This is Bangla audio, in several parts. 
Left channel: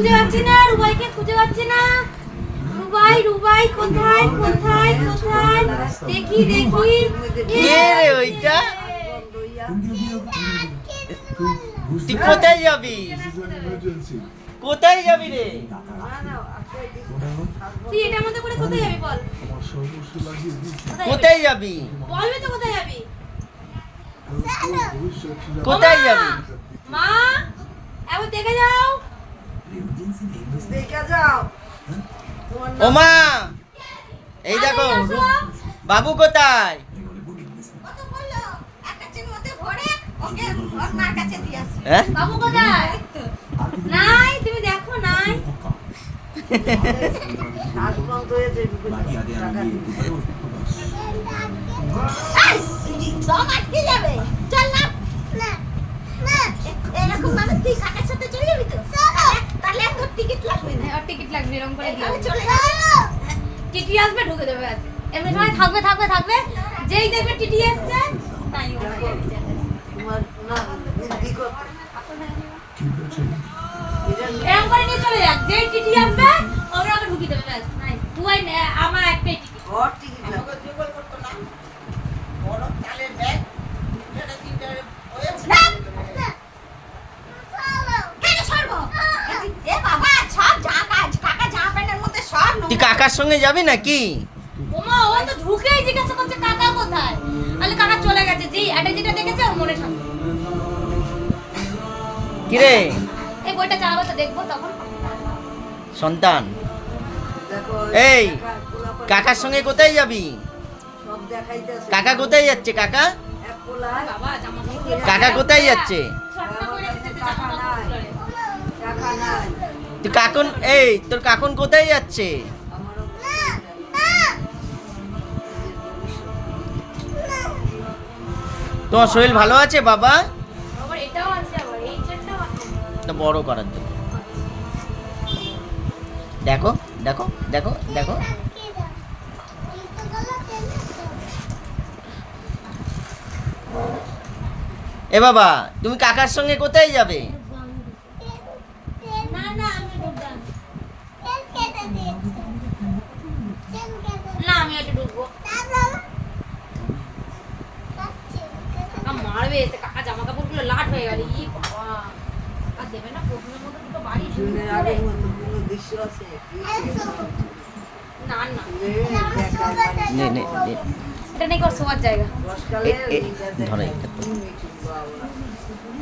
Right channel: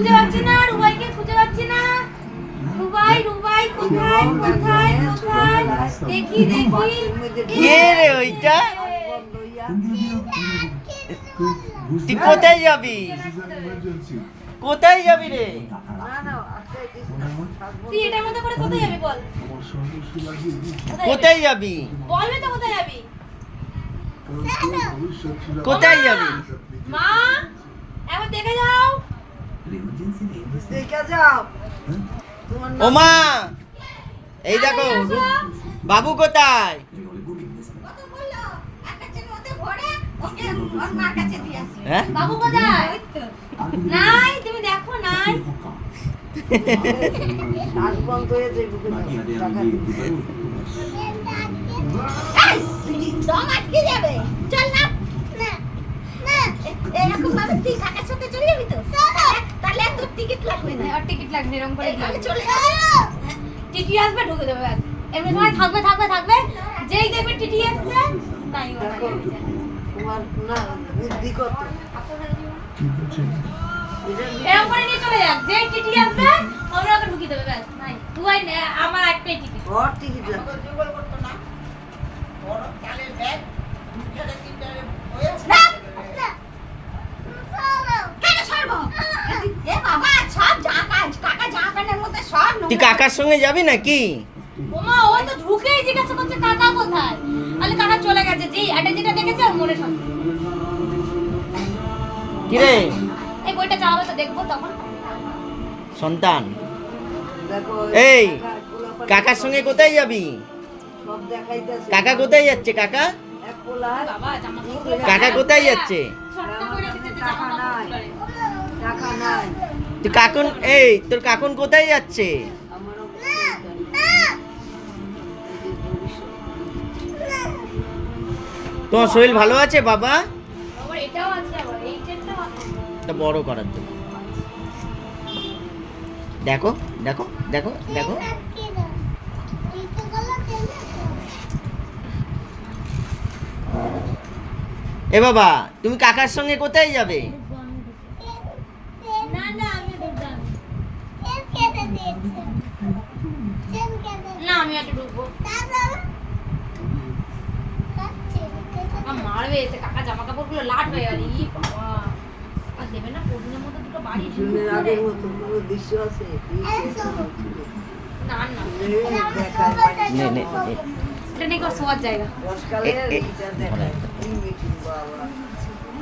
খুঁজে পাচ্ছি না, রুবাইকে খুঁজে পাচ্ছি না। রুবাই রুবাই কোথায় কোথায় কোথায়? দেখি দেখি। কে রে ওইটা? তুই কোথায় যাবি? কোথায় যাবি রে? তুই এটার মধ্যে করে কোথায় যাবি বল? কোথায় যাবি? বলবি তো কোথায় যাবি? কোথায় যাবি? মা একবার দেখে যাও। দেখে যাও। ও মা, এই দেখো বাবু কোথায়? হ্যাঁ? বাবু কোথায়? নাই, তুমি দেখো নাই। শ্বাস বন্ধ হয়ে যায়, ঢুকে যাও, টাকা দিতে। দম আটকে যাবে। চল না। না না এরকম ভাবে তুই কাকার সাথে চলে যাবি তো? তাহলে আর তোর টিকিট লাগবে না। আর টিকিট লাগবে এরকম করে তাহলে দিয়ে। চলে চলো। টিটি আসবে ঢুকে দেবে ব্যাস। এমনি সময় থাকবে থাকবে থাকবে, যেই দেখবে টিটি আসছে তাই ও দেখো, তোমার না বৃদ্ধি কত। এরকম করে নিয়ে চলে যাক, যেই টিটি আসবে আমরা ওকে ঢুকিয়ে দেবে ব্যাস। নাই তুই আমার একটাই টিকিট। ঘর টিকিট লাগবে। না, না। চলো। কেন সরবো? এ বাবা সব কাকা জামা প্যান্টের মধ্যে সব তুই কাকার সঙ্গে যাবি নাকি? ওমা ও তো ঢুকেই জিজ্ঞাসা করছে কাকা কোথায়? আরে কাকা চলে গেছে, যেই এটা যেটা দেখেছে ওর মনে শান্তি। কিরে এই বইটা চালাবো তো দেখবো তখন। সন্তান, দেখো, এই পোলাপান কাকার সঙ্গে কোথায় যাবি? সব দেখাইতেছে। কাকা কোথায় যাচ্ছে? কাকা এক পোলা, বাবা জামা কাপড় কাকা কোথায় যাচ্ছে? শর্টটা করে রেখেছে যে টাকা জামা কাপড় নাই। খুলে। টাকা নাই। তুই কাকুন, এই তোর কাকুন কোথায় যাচ্ছে? আমারও তোমার শরীর ভালো আছে বাবা? আবার এটাও আছে, আবার এই চেনটাও আছে। তা বড় করার জন্য দেখো দেখো দেখো দেখো। আটকে দাও। এই তো গলা টেনে দাও। এ বাবা, তুমি কাকার সঙ্গে কোথায় যাবে? না না আমি ঢুকবো না। তেল কেটে দিয়েছে। তেল কেটে না আমি একটু ঢুকবো। তারপর কাটছে। কাকা মারবে এসে, কাকা জামা কাপড়গুলো লাট হয়ে গেল। ই বাবা, আর দেবে না প্রবলেমের মতো দুটো বাড়ি জুনের আগের মতো কোনো দৃশ্য আছে? না না নে নে নে। এটা নাকি ওর শোয়ার জায়গা। বর্ষাকালে এই এইটা ধরে। দেখে কি মিঠুন বাবা,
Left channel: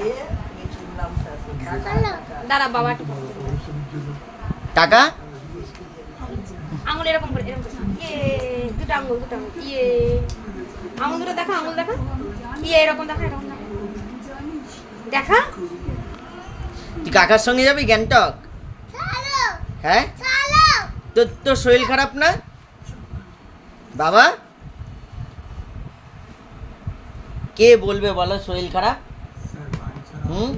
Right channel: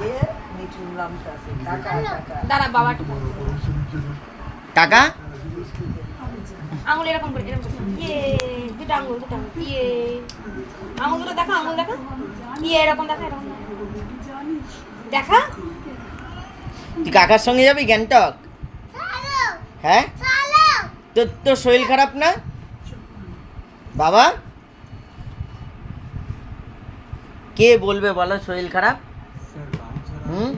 এ মিঠুন নামটা আছে, কাকা কাকা। দাঁড়া বাবা একটু বল। কাকা আঙুল এরকম করে এরকম করে। ইয়ে দুটো আঙুল ইয়ে আঙুল দুটো দেখা, আঙুল দেখা। ইয়ে এরকম দেখা, এরকম দেখা। দেখা তুই কাকার সঙ্গে যাবি গ্যাংটক? চলো। হ্যাঁ, চলো। তোর শরীর খারাপ না বাবা? কে বলবে বলো শরীর খারাপ? হুম,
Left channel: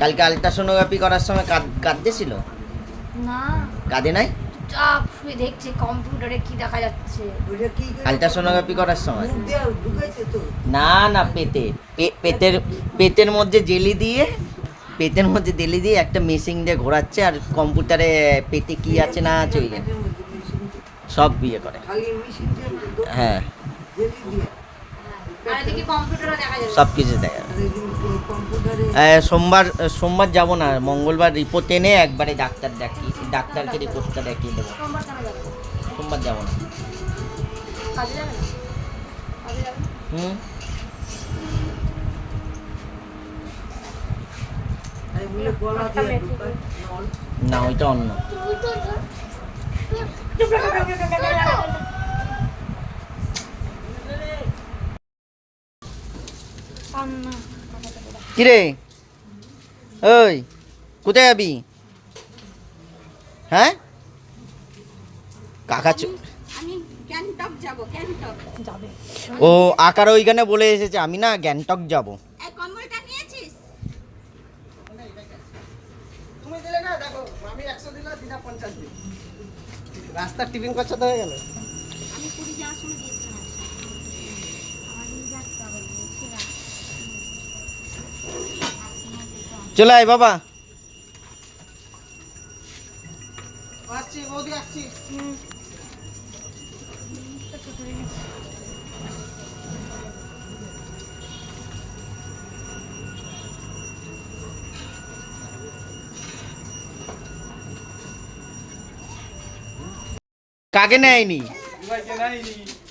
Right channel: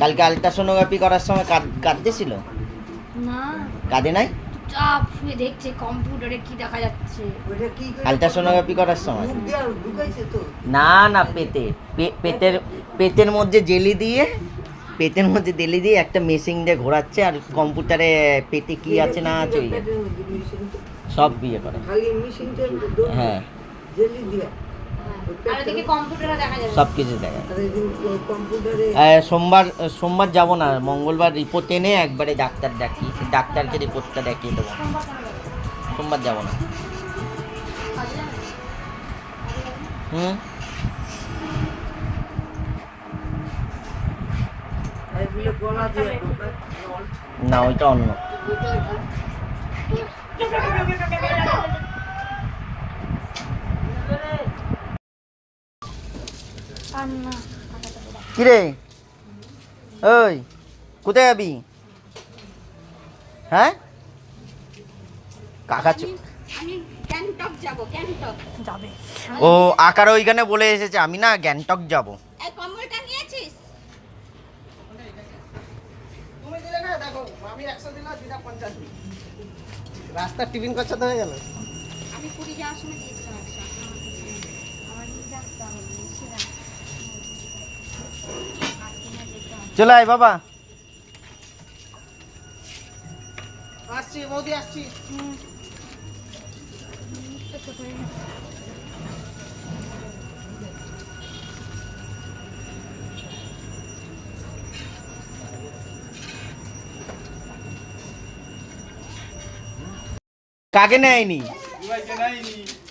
কালকে আলট্রাসোনোগ্রাফি করার সময় কাঁদতেছিল? না কাঁদে নাই? চাপ শুয়ে দেখছে কম্পিউটারে কি দেখা যাচ্ছে। ওইটা কি করে? আলট্রাসোনোগ্রাফি করার সময়? মুখ দিয়ে ঢুকাইছে তো। না না, পেটের মধ্যে জেলি দিয়ে, পেটের মধ্যে জেলি দিয়ে একটা মেশিন দিয়ে ঘোরাচ্ছে, আর কম্পিউটারে পেটে কি আছে না আছে ওই সব বিয়ে করে। খালি মেশিনটা হ্যাঁ, জেলি দিয়া। আর এদিকে কম্পিউটারে দেখা যাবে। সব কিছু দেখা আর এই কম্পিউটারে সোমবার যাব না, মঙ্গলবার রিপোর্ট এনে একবারে ডাক্তারকে রিপোর্টটা দেখিয়ে দেবো। সোমবার কেন যাবে? সোমবার যাব না। কাজে যাবে না? কাজে যাবে না? হুম, এগুলো গলা দিয়ে ঢুকায় নল। না ওইটা অন্য। কান্না। কিরে ওই, কোথায় যাবি? হ্যাঁ, কাকা আমি গ্যাংটক যাব, গ্যাংটক। যাবে। ও আকার ওইখানে বলে এসেছে আমি না গ্যাংটক যাব। এই কম্বলটা নিয়েছিস? তুমি দিলে না, দেখো আমি 100 দিলাম, দিনা 50 দিই। রাস্তার টিফিন খরচা তো হয়ে গেল। আমি পুরী যাওয়ার সময় দিয়েছিলাম একটা। আমার নিয়ে যাচ্ছি, আমি নিয়েছিলাম। চলে আয় বাবা। আসছি বৌদি, আসছি। কাকে নেয়নি?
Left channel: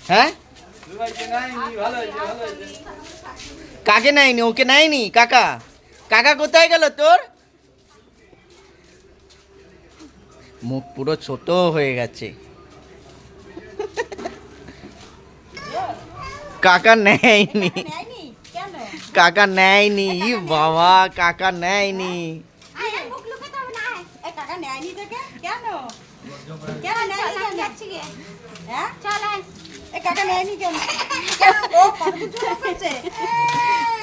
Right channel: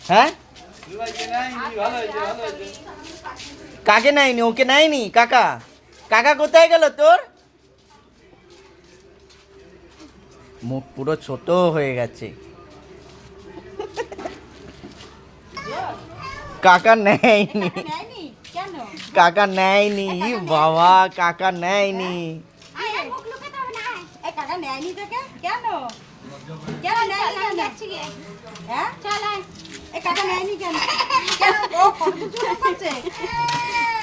হ্যাঁ, কাকে নেয়নি? ওকে নেয়নি? কাকা, কাকা কোথায় গেল তোর? মুখ পুরো ছোট হয়ে গেছে। কাকা নেয়নি, নেয়নি কেন? কাকা নেয়নি। ই বাবা, কাকা নেয়নি। আয় আয়, মুখ লুকাতে হবে না, আয়। এই কাকা নেয়নি তোকে? কেন? কেন নেয়নি কেন? হ্যাঁ? এই কাকা নেয়নি কেন? ও কত চুপ করছে।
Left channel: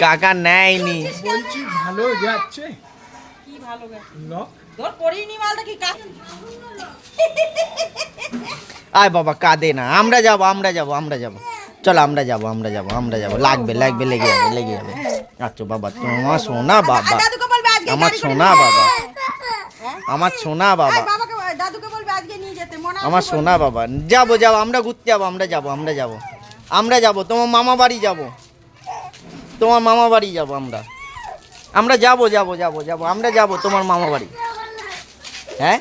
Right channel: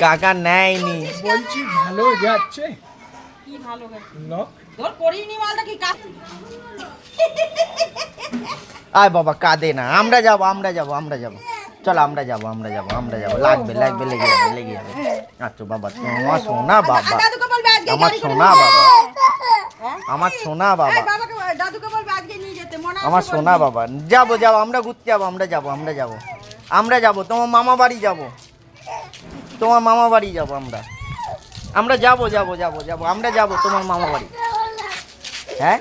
কাকা নেয়নি। বলছি ভালো যাচ্ছে কি ভালো গেছে? লক। তোর করিনি মালটা কি কাজ? আয় বাবা, কাঁদে না। আমরা যাব, আমরা যাব, আমরা যাব। চলো আমরা যাব, আমরা যাব, আমরা যাব। লাগবে, লাগবে, লেগে যাবে, লেগে যাবে। আচ্ছা বাবা, তোমার সোনা বাবা, দাদুকে বলবে আজকে আমার গাড়ি করে সোনা নিয়ে বাবা, হ্যাঁ? আমার সোনা বাবা, এই বাবাকে দাদুকে বলবে আজকে নিয়ে যেতে মনে আছে আমার বলবে। সোনা বাবা। যাব, যাব, আমরা ঘুরতে যাব, আমরা যাব, আমরা যাব, আমরা যাব। তোমার মামা বাড়ি যাব, তোমার মামা বাড়ি যাব। আমরা আমরা যাব, যাব, যাব, যাব, আমরা যাব তোমার মামা বাড়ি। হ্যাঁ,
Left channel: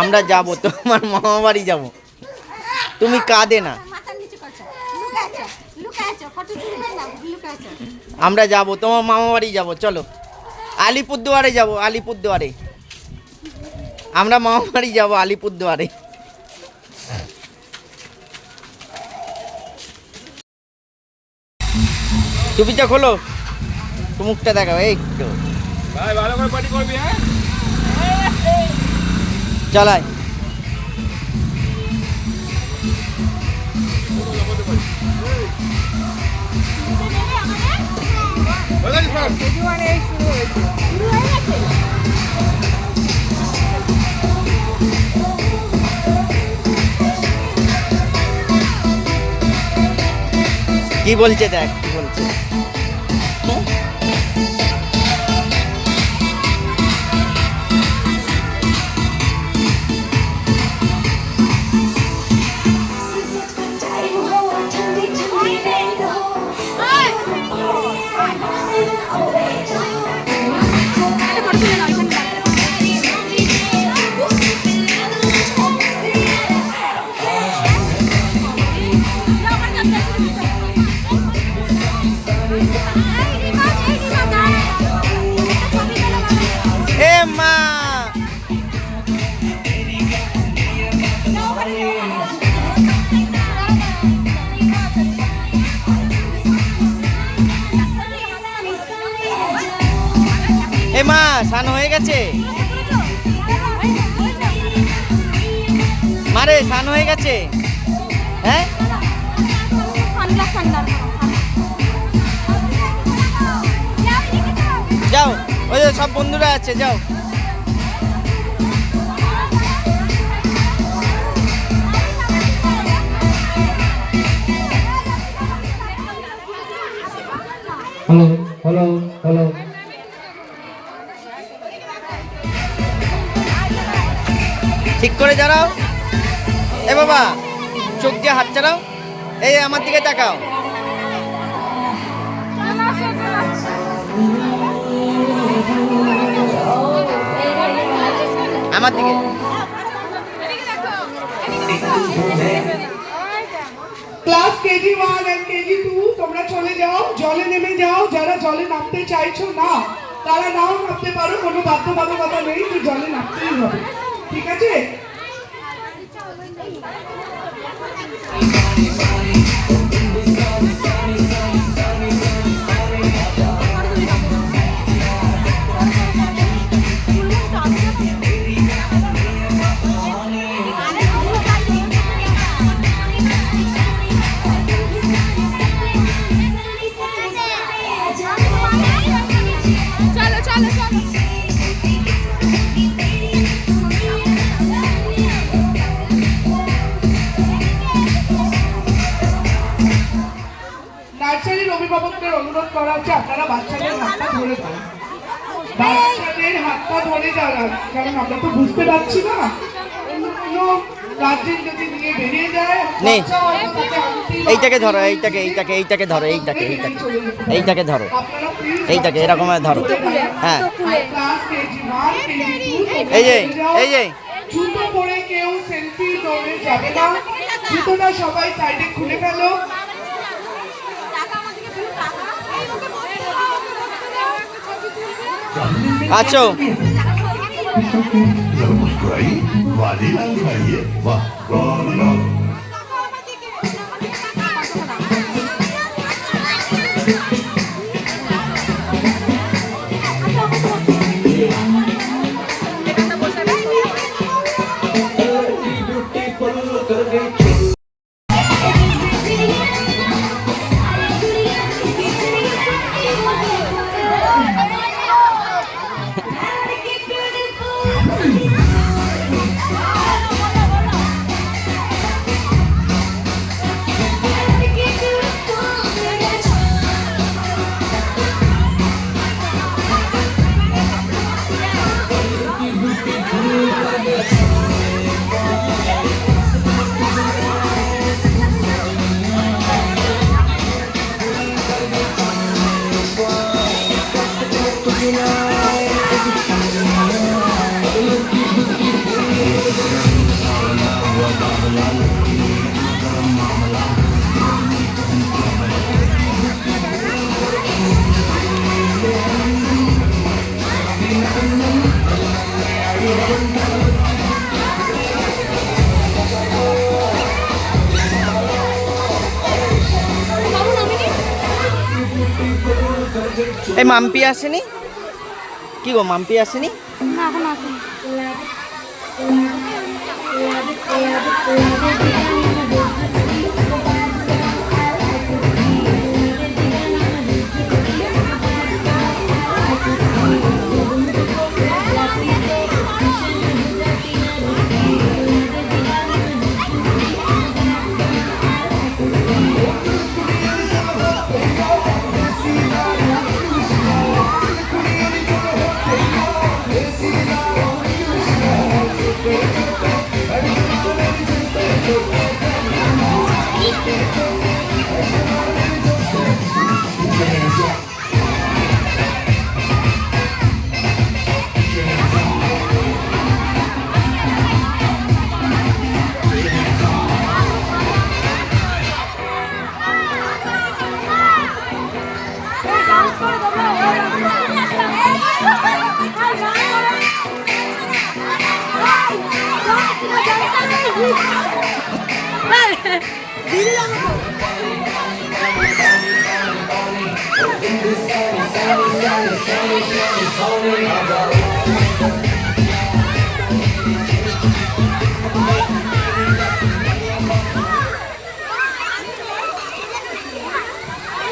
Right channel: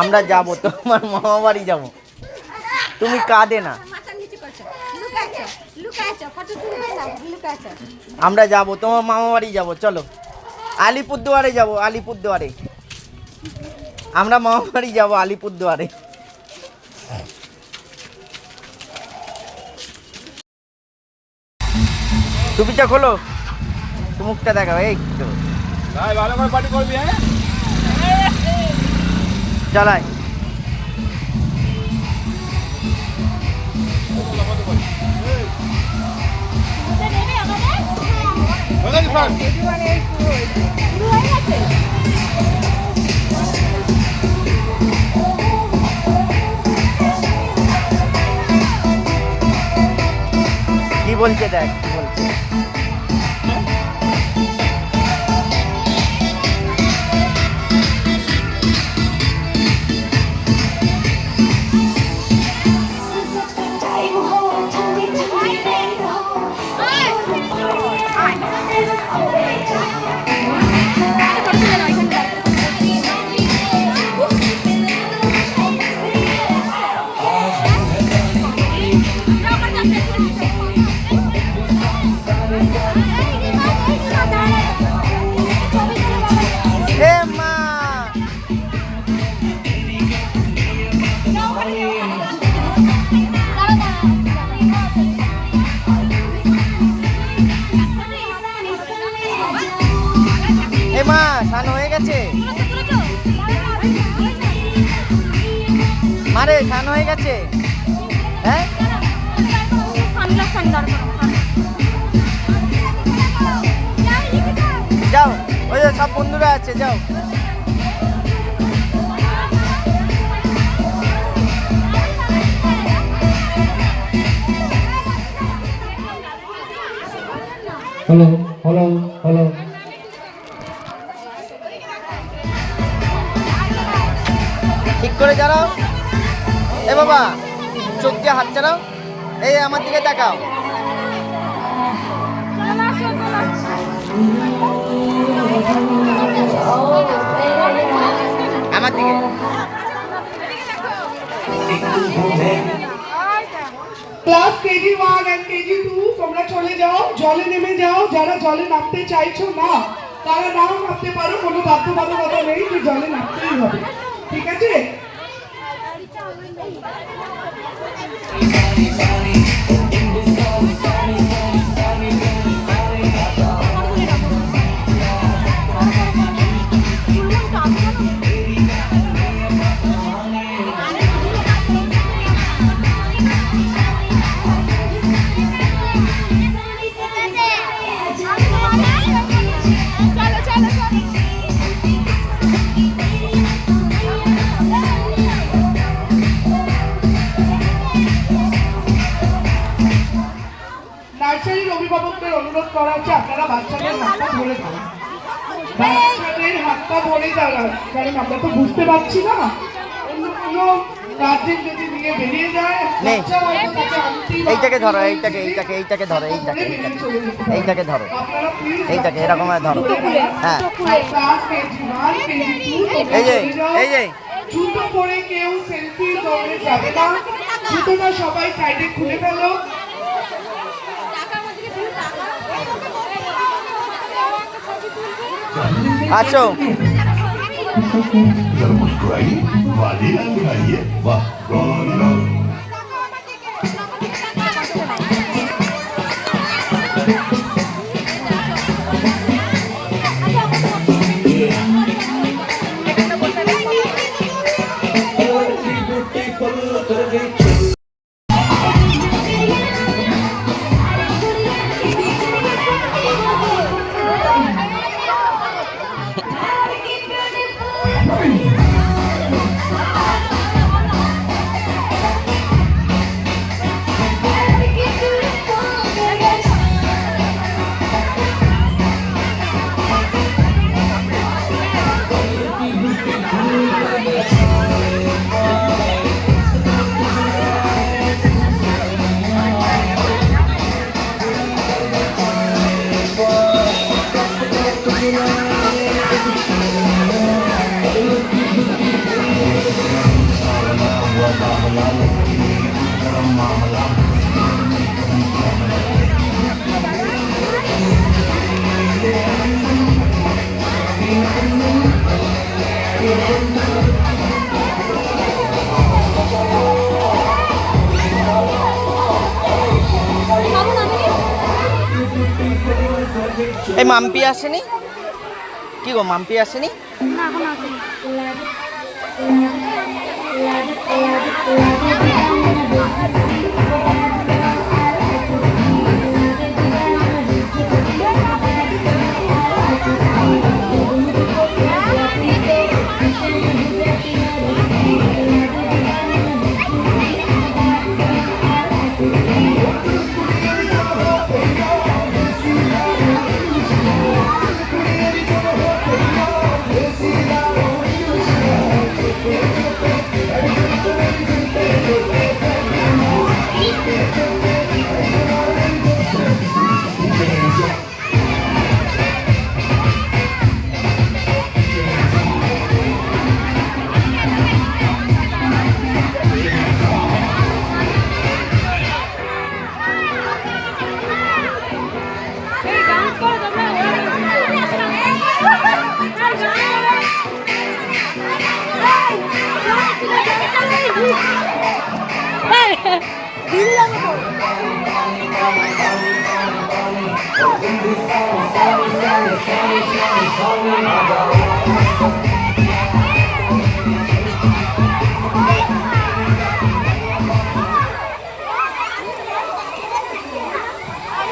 আমরা যাব তোমার মামা বাড়ি যাব। তুমি কাঁদে না। মাথা নিচে করছো লুকাচ্ছো লুকাচ্ছো ফটো তুলে না লুকাচ্ছো আমরা যাব তোমার মামা বাড়ি যাব। চলো আলিপুরদুয়ারে যাব, আলিপুরদুয়ারে। আমরা মামা বাড়ি যাব আলিপুরদুয়ারে। টুপিটা খোলো, একটু মুখটা দেখাও। এই তো ভাই ভালো করে পার্টি করবি, হ্যাঁ? চালাই। বলেন স্যার। কি বলছে দেখ, কি বলছে। এ মা, এ মা, স্নান হয়ে গেছে? মারে, স্নান হয়ে গেছে? হ্যাঁ, যাও, ওই যে সব বন্ধুরা আছে, যাও। Hello hello hello. ঠিক করে দাঁড়াও। এ বাবা, চোখ দিয়ে হাত চালাও। এই আমার দিকে তাকাও। আমার দিকে। ক্লাস কেজি 1 এন্ড কেজি 2 তোমরা চলে যাও, জলে নেমে যাও। যারা জলে নামতে চাইছো না তারা নাও নামতে পারো, কোনো বাধ্যবাধকতা নেই যে জলে নামতেই হবে, ঠিক আছে? নার্সারির অভিভাবকদের অনুরোধ করা হচ্ছে আপনারা বাচ্চাদের হাতটা ধরে দাঁড়ান। বাচ্চাদের হাত পা ধরে দাঁড়ান, কারণ আমরা তো বুঝতে পারছি না। অন্য কোনো গার্জেন যদি নিয়ে বেরিয়ে যায়, নে। বাচ্চা হয়তো তাকে আনতেই বা- এইটাকে ধরো, এইটাকে ধরো, এইটাকে ধরো, আপনারা please এইটাকে এরকম ভাবে ধরো। হ্যাঁ ক্লাস KG1, KG2 তোমরা এই যে চলে যাও। এই যে জুতো পরে কেউ সেলফি দৌড়ে যাবে না, জুতোটা সবাই সাইডে খুলে ফেলো। আছো जरा मुस्कुराइए वाले मुस्कुराइए वाह गॉड गॉड এই মাম্পি আসেনি? কি গো মাম্পি আসেনি?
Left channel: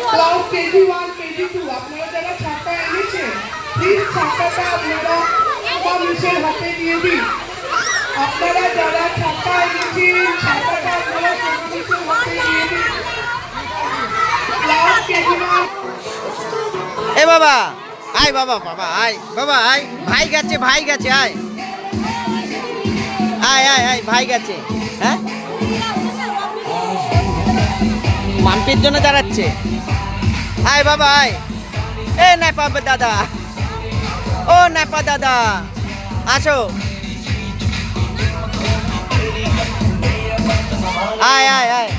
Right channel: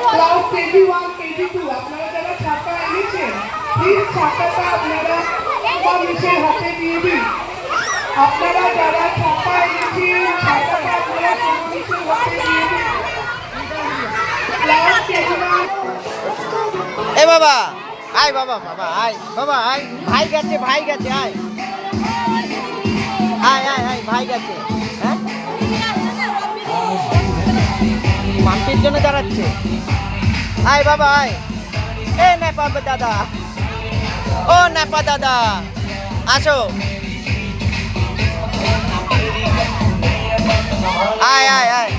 ক্লাস KG1, KG2 আপনারা যারা ছাতা এনেছেন, প্লিজ ছাতাটা আপনারা মানুষের হাতে দিয়ে দিন। আপনারা যারা ছাতা এনেছেন, ছাতাটা আপনারা মানুষের হাতে দিয়ে দিন। ক্লাস KG1 এ বাবা আয়, বাবা বাবা আয়, বাবা আয়, ভাই গেছে আয় আয় আয় আয়, ভাই গেছে। হ্যাঁ মাম্পির জন্য দাঁড়াচ্ছে। আয় বাবা আয়। এ নেপা দাদা, ও নেপা দাদা আসো। আয় আয় আয়।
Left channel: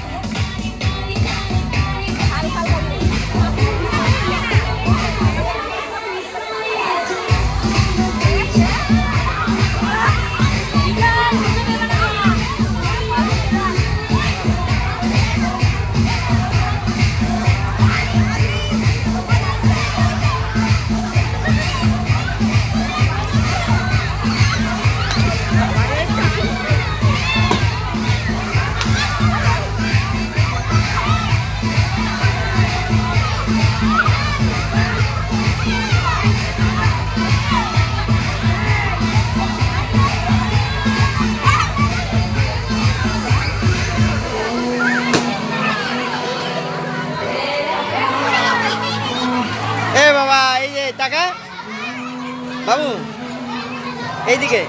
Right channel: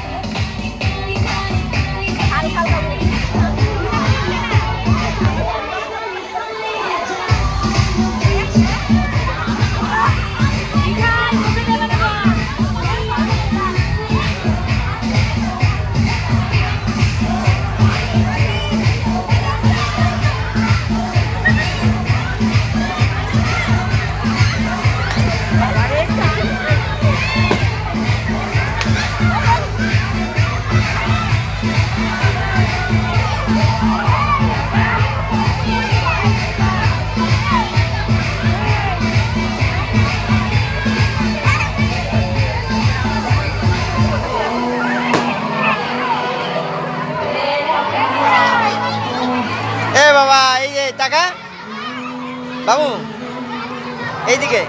এ বাবা এই যে টাকা বাবু এইদিকে।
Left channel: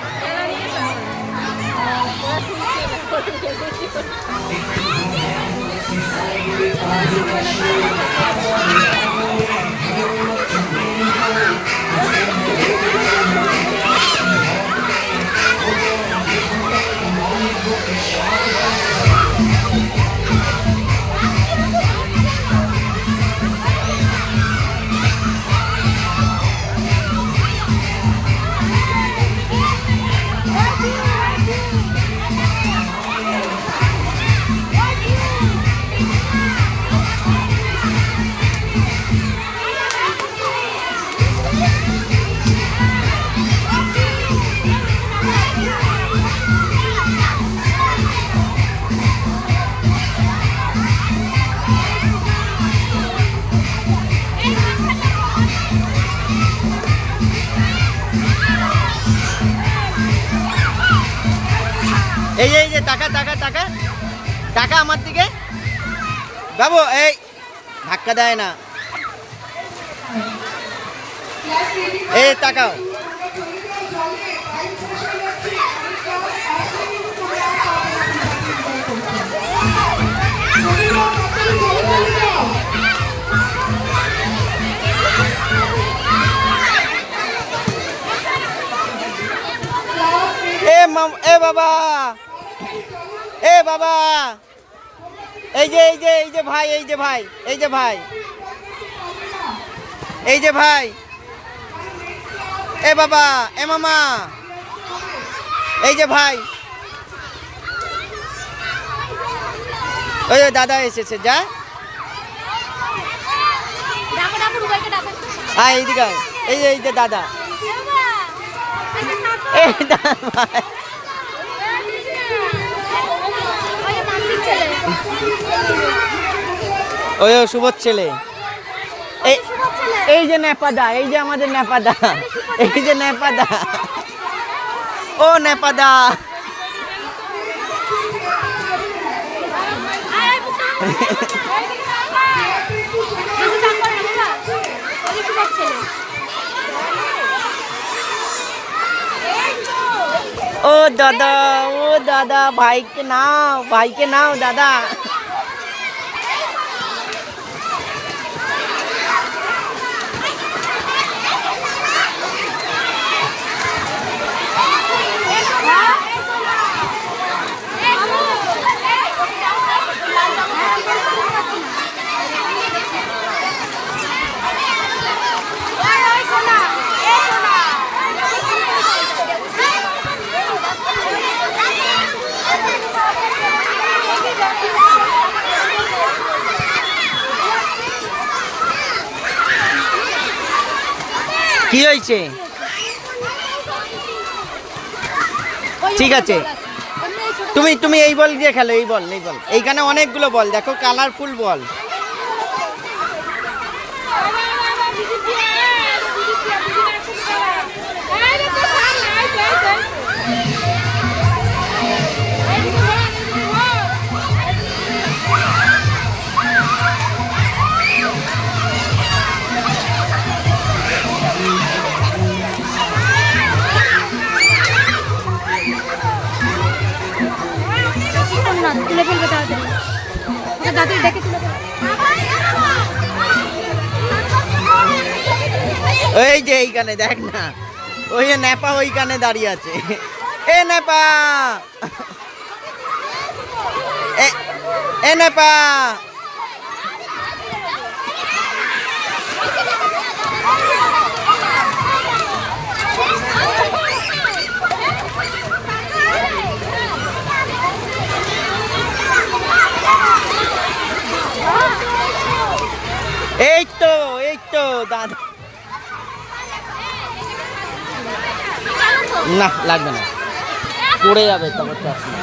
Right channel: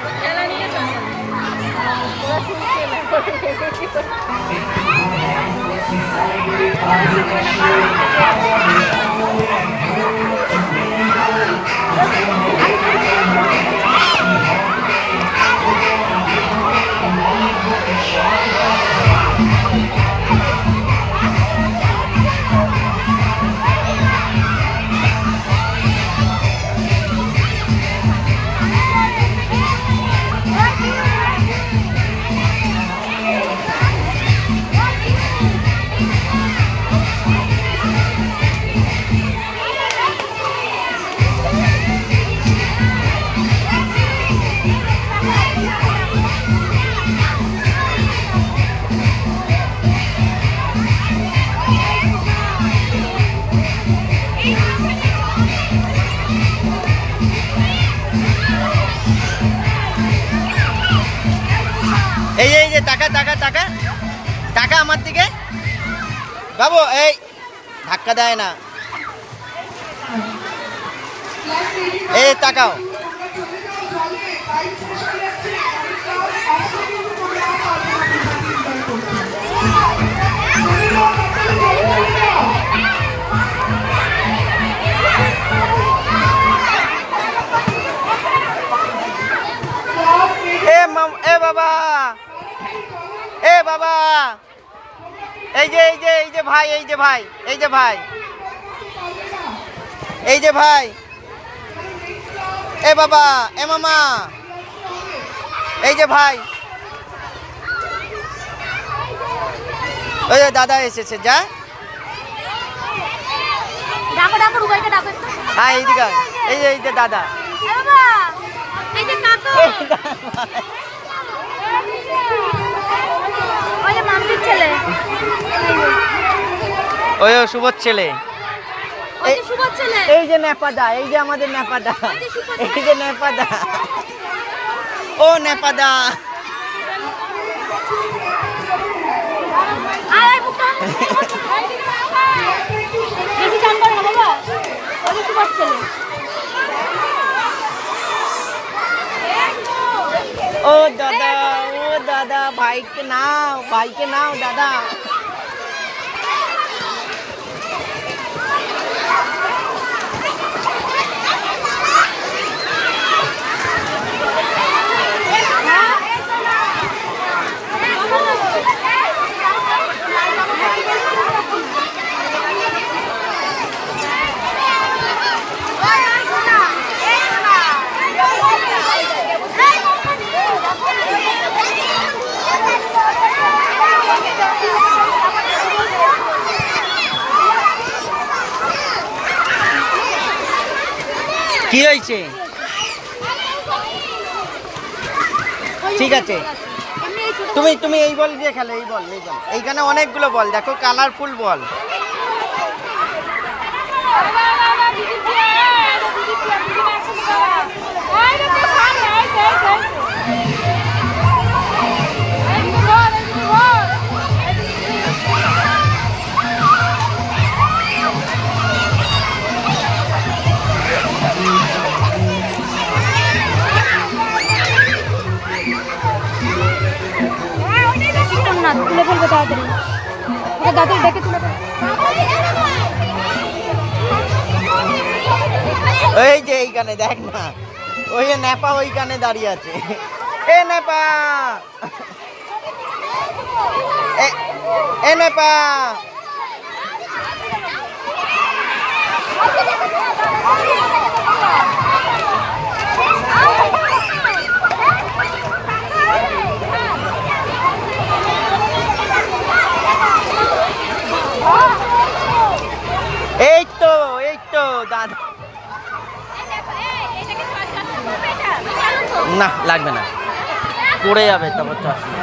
এই যে টাকা টাকা টাকা টাকা আমার দিকে। বাবু এই ধাক্কা দেয় না, এই তাকাও। এ বাবা, এ বাবা, এই যে ভাই, এই যে ভাই, এই যে ভাই, এই যে ভাই, এ বাবা, এ মামা, এই যে ভাই, ওই দাদা এসেছে, যা হ্যাঁ এইদিকে, এই যে দাদা, ওই শুভর ছেলে, এই যে নেপাদা, এই যে আমাদের নেপাদা, এই যে নেপাদা, ও নেপাদা, ও দাদা ভাইকে নাও দাদা। কি হয়েছে? ঠিক আছে, তুমি এই বল দিয়ে খেলো, এই বল, এইখানে অনেকগুলো বল দেখো, কালারফুল বল। তুলে ফেলবে তাড়াতাড়ি, দাদুর ডেকে তুলে ফেলবে। ওই যে এইখানে দেখ না, ওই নেপা ওইখানে দাঁড়িয়ে আছে, এ নেপা, এ নেপা, এই তো দাদা, না লাগবে না, পড়ে যাবে তখন চশমা।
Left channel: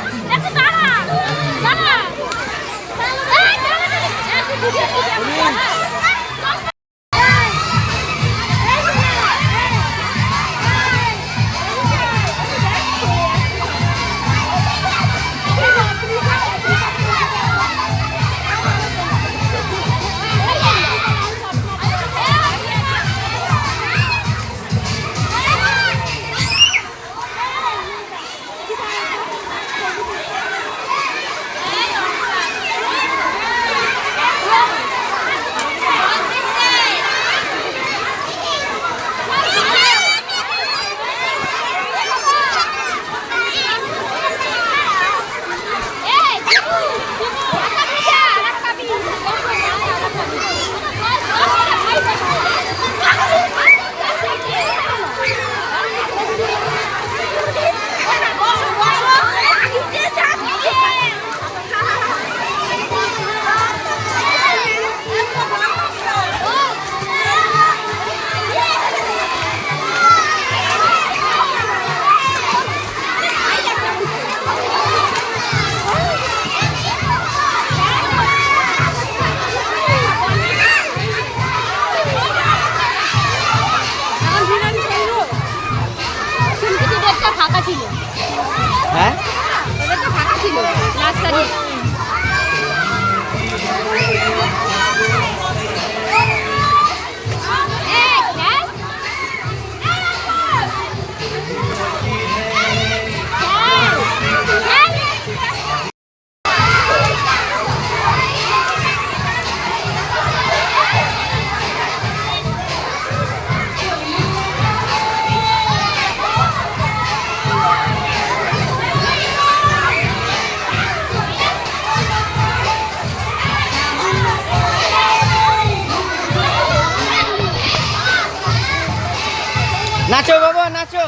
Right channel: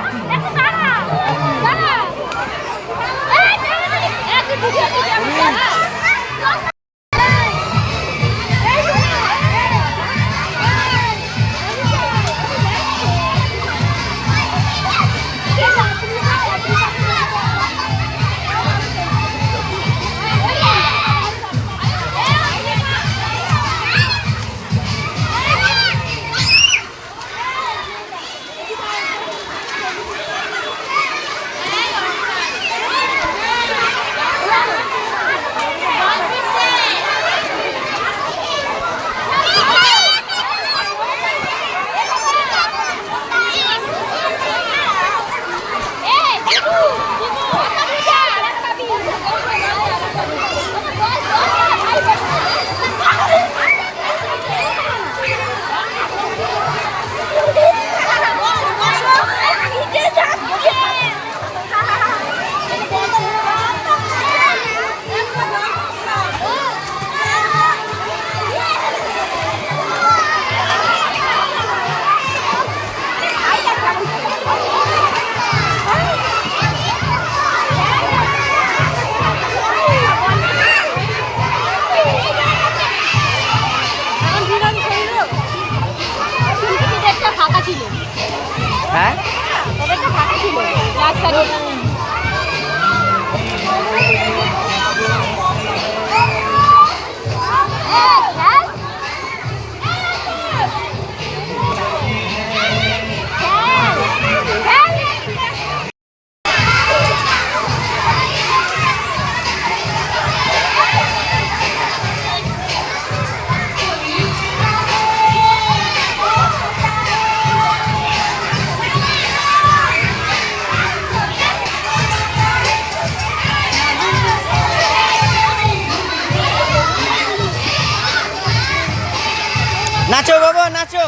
নাচো বাবা, নাচো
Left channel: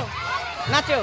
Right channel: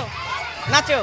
নাচো।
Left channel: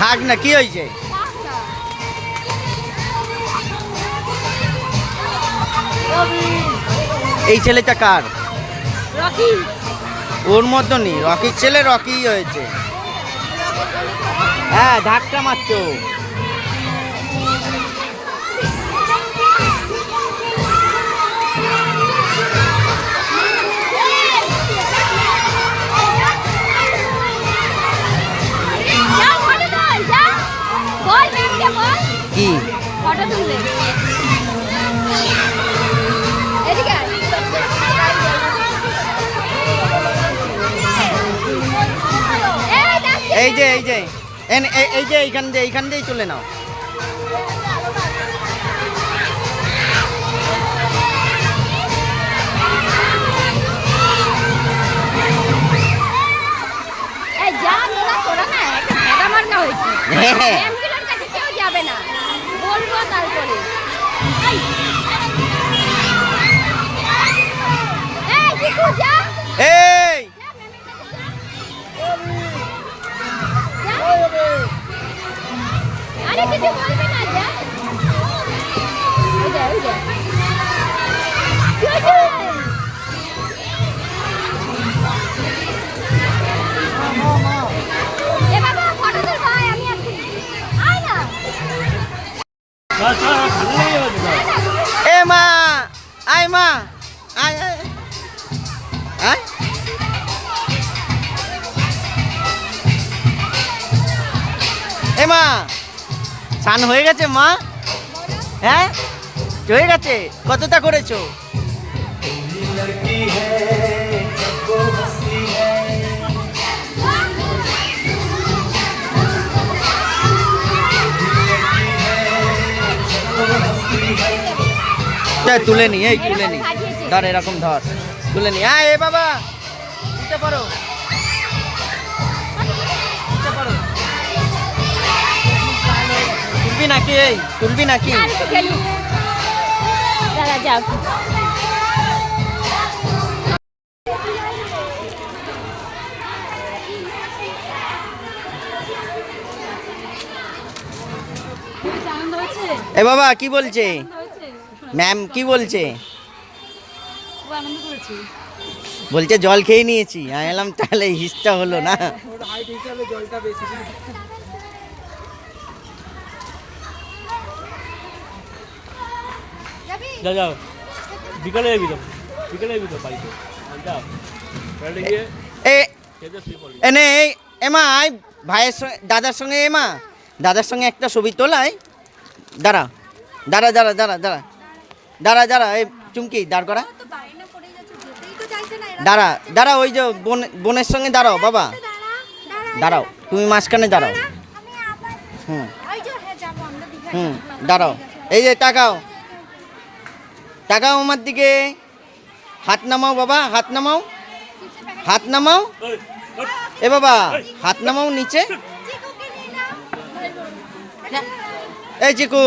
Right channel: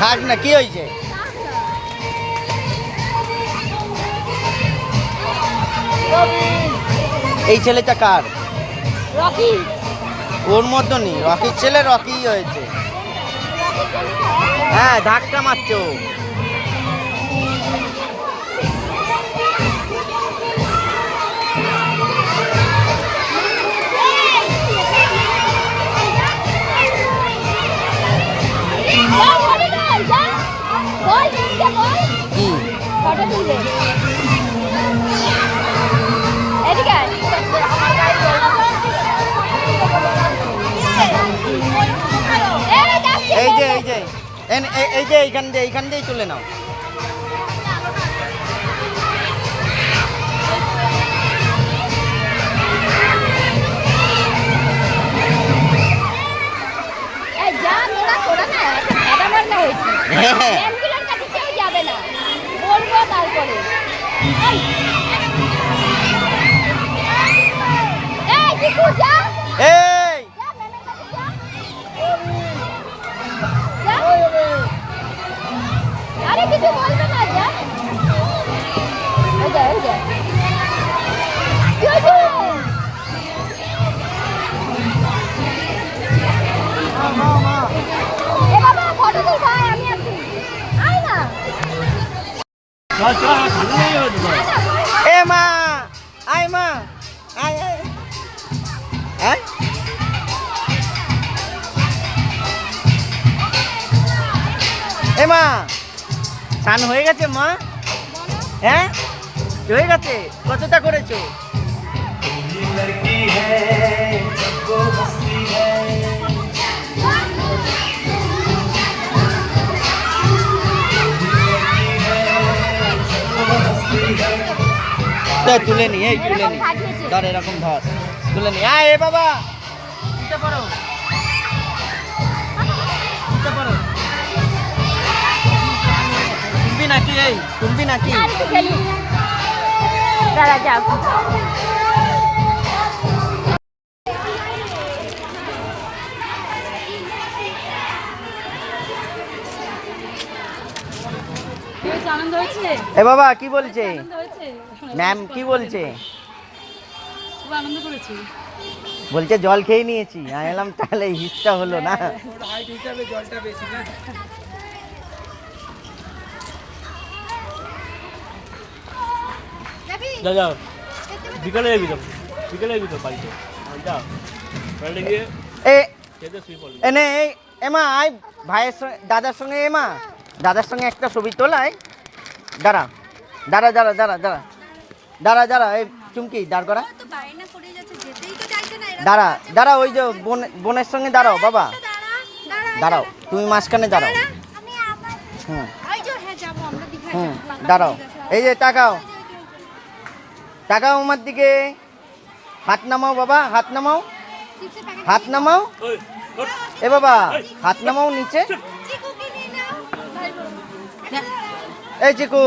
থাক না, কি হয়েছে? এই ছেলেটা কার? রকি। ওর মতনই রকির ছেলে, রকি হয়েছে। হ্যাঁ, ধাক্কা মারছো। কি এই যে এই যে এই যে এইখান দিয়ে চলে নাও। হ্যাঁ যাবে না, বলবো তারপরে। এই আরে কিছু বলবে না, যা ওই যা এ মা, আয় মা, আয় আয় আয়। এ মা, স্নান হয়ে গেছে মা? হ্যাঁ হয়ে গেছে। কতটা করেছো? लड़की है जब वो हंसती है তুলে নি এই তুলে নি ধর এরকম ধর তুলে নি এ বাবা উঠে পড়ো উঠে পড়ো তুলবি নাকি এই তুলবি নাকি দাদা যাও এ বাবা কি বলছে ম্যাম কি বলছে বলছে জল খেয়ে নিয়েছি আমি এলাম তাহলে হিসটা হলো না হাইট হিসাবে জলটা বেশি না যা যাও বিকালে যাবি তো বিকালে যাবি তো বাড়িতে যাও বাড়িতে গিয়ে এ খেতে শুয়ে পড়বি এনে এই এমা আয় ভাইয়ের সঙ্গে দাদার সঙ্গে এমা দাদার সঙ্গে একটা ছবি তোলাই দাঁড়া দাঁড়া দাঁড়া দাঁড়া দাঁড়া দাঁড়া দাঁড়া এই চুমকি দাঁড় করা দাঁড়া দাঁড়া ওই যে বোনের সঙ্গে দাঁড়াও বাবা দাঁড়াও তুমি মাঝখানে দাঁড়াও হুম হুম দাঁড়াও এই যে তাকাও তাকাও আমার দিকে হাত নামাও বাবা হাত নামাও হাত নামাও এ বাবা হাত নামাও নিচে এই চিকু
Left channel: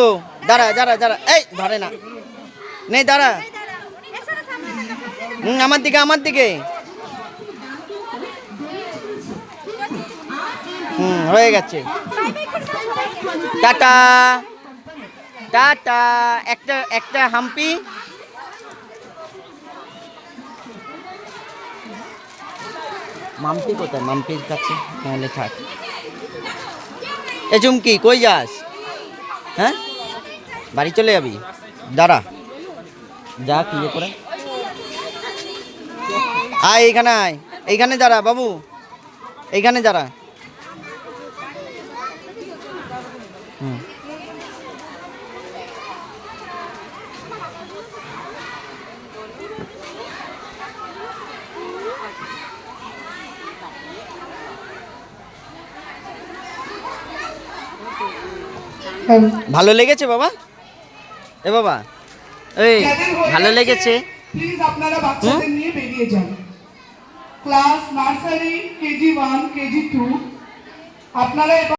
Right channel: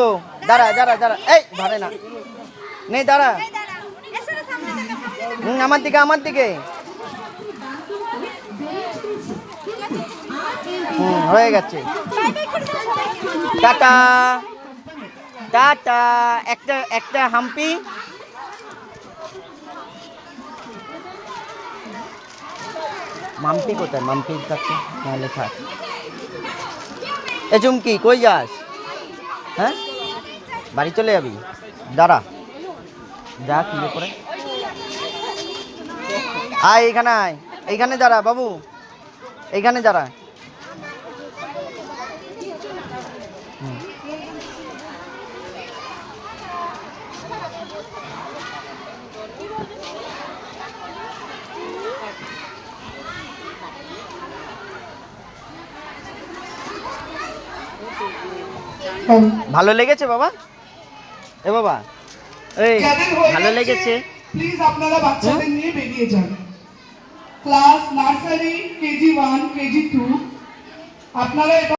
দাঁড়া দাঁড়া দাঁড়া এই ধরে না নেই দাঁড়া আমার দিকে আমার দিকে হয়ে গেছে টাটা টাটা একটা একটা হাম্পি মাম্পি কোথায় মাম্পির কাছে নাহলে থাক এ চুমকি কই যাস হ্যাঁ বাড়ি চলে যাবি দাঁড়া যা কি করে আয় এইখানে আয় এইখানে দাঁড়া বাবু এইখানে দাঁড়া ভালো লেগেছে বাবা এ বাবা এই ভালো লেগেছে প্লিজ আপনারা বাচ্চাদের নিয়ে বেরিয়ে যান ক্লাস নার্সারি কেজি 1 কেজি 2 আপনারা